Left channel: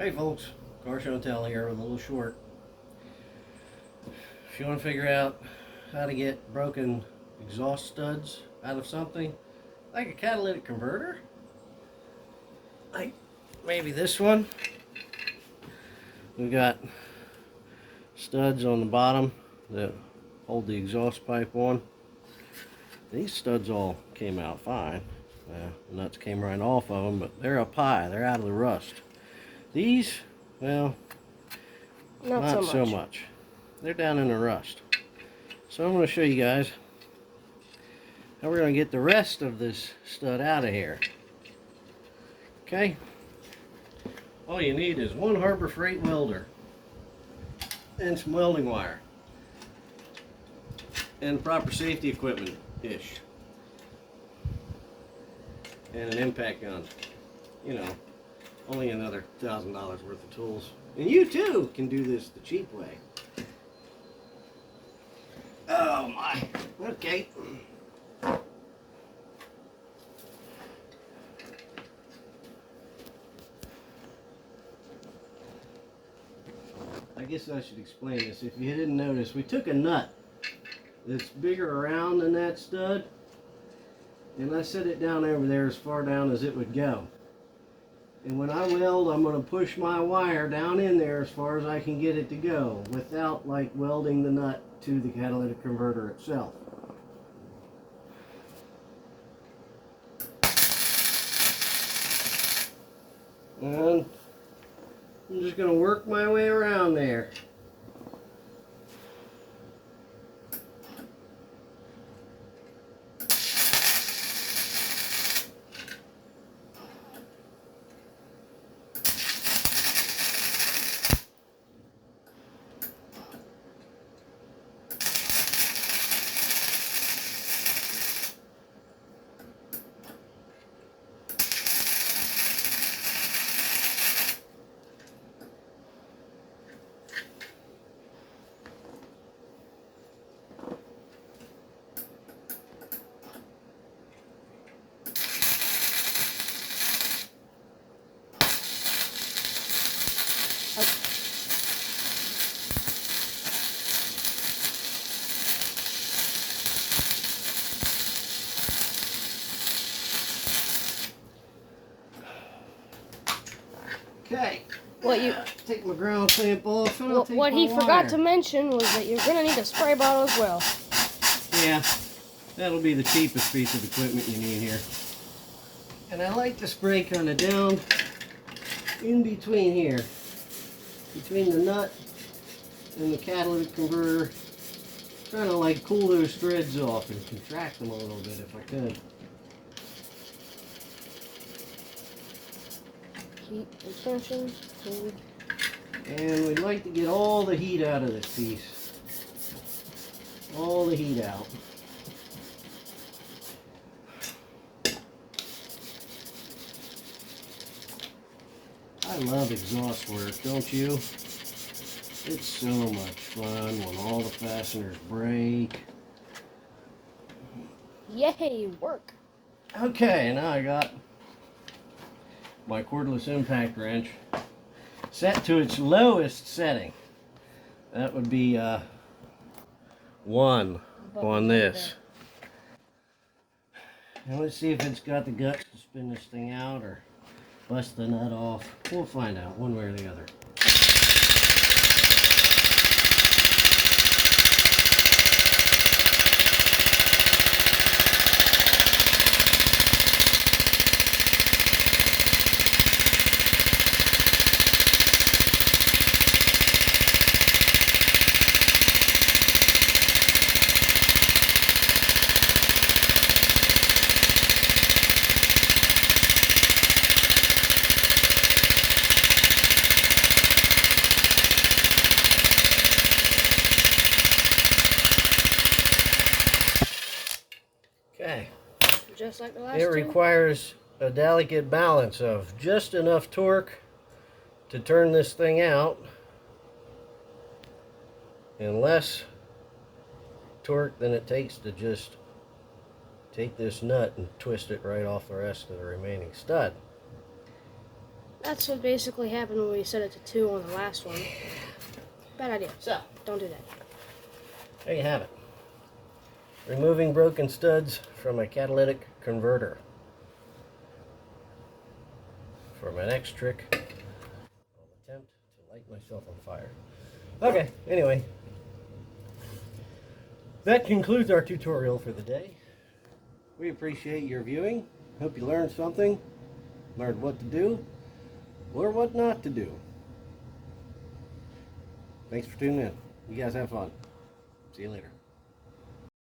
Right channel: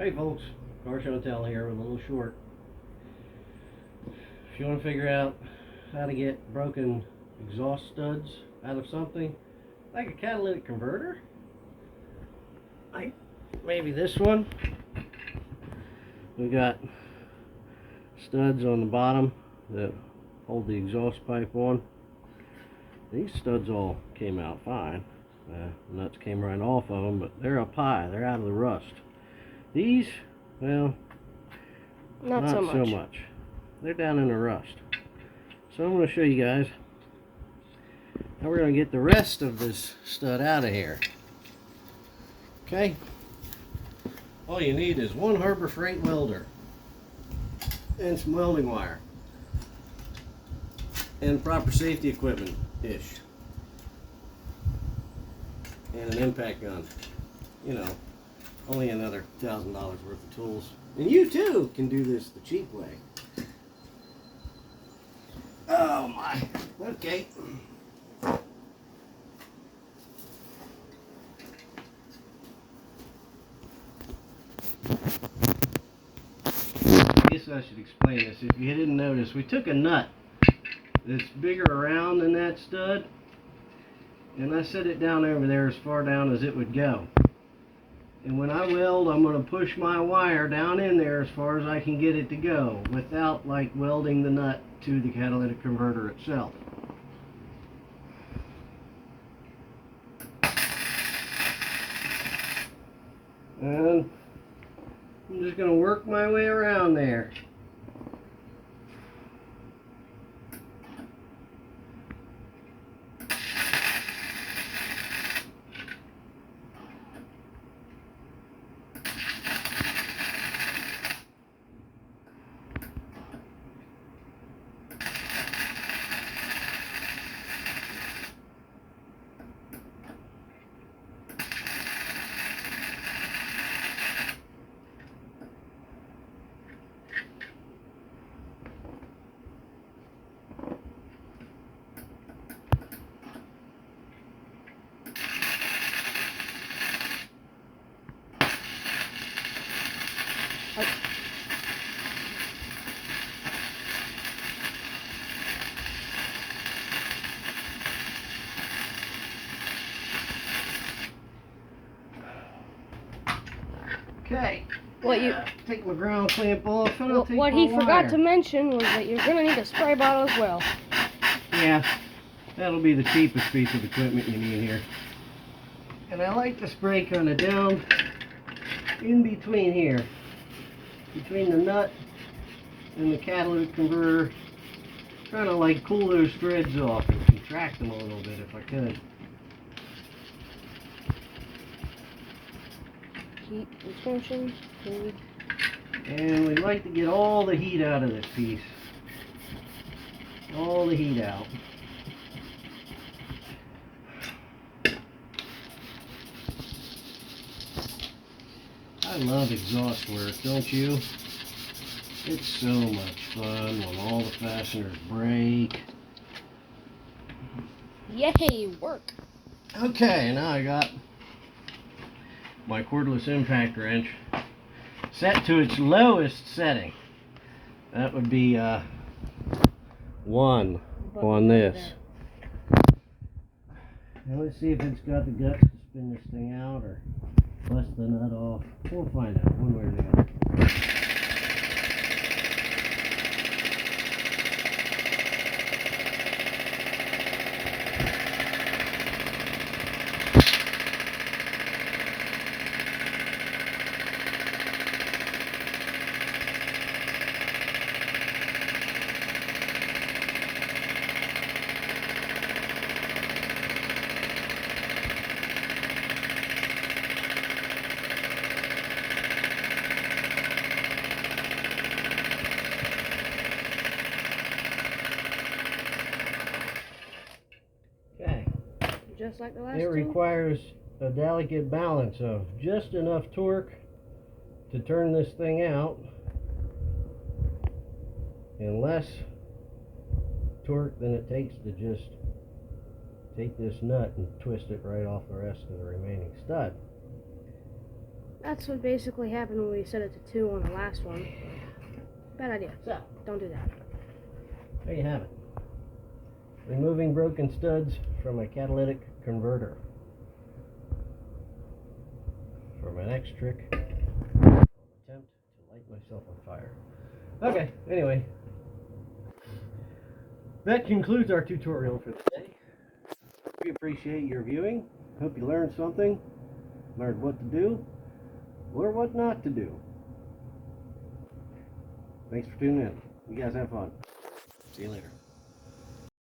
Hey folks, Car Show and Tell here with a little short. If you want to figure out how to get broken exhaust studs out of something, like a catalytic converter, like maybe this one, we've got studs on the bottom that hold the exhaust pipe on. These studs all came out fine. Nuts came right off of them, but they're up high, they're out of the rust. These, well, not so much. They're down in the rust. So I'm going to show you guys how we're going to get the rest of this stud out of here. Okay? All you need is one Harbor Freight welder and some welding wire and proper safety equipment-ish and an impact gun. You know, only another $1,000 worth of tools. And you too can do this the cheap way. Oh my. Okay. I guess I should explain this. If you didn't notice, we took a nut that's bigger around than that stud, and I set it down over there as far down as it would go. And when I weld, I'm going to push my wire down in there as far as I can get it to go without like welding the nut to the catalytic converter itself. And I'm just going to work my way around there. Okay. Take my ground clamp off and I'll take what my he wire. forgot to mention was that you're gonna need a spray bottle as well. Yeah, that'll be the cheapest piece of equipment you need here. And I like to spray kind of down in between here, between the nut and the catalytic converter, trying to like cool those threads off and contract them a little bit if I could. Heat retention, food. And we'd like to get all the heat out of this piece. All the heat out. I love exhaust work, don't you? It's so much fun when all the fasteners break. Yay, work. Okay, now I got my cordless impact wrench set to its lowest setting. That would be 1 on this. And let's see if it's got the guts to spin this thing out or bust the nut off. We'll find out one way or the other. Okay. Just like the last It two. requires a delicate balance of just enough torque to turn this thing out and less torque than it takes to just take this nut and twist it right off the rest of the remaining stud. That's what basically happened when we set it to 2 on the last one. Bad idea. So, Don't do that. there you have it. Removing broken studs from a catalytic converter. For my next trick, I'll attempt to light myself on fire. Okay, anyway. That concludes our tutorial for the day. We appreciate your viewing. Hope you learned something. Learned what to do or what not to do. Thanks for tuning in. You guys have fun. See you later.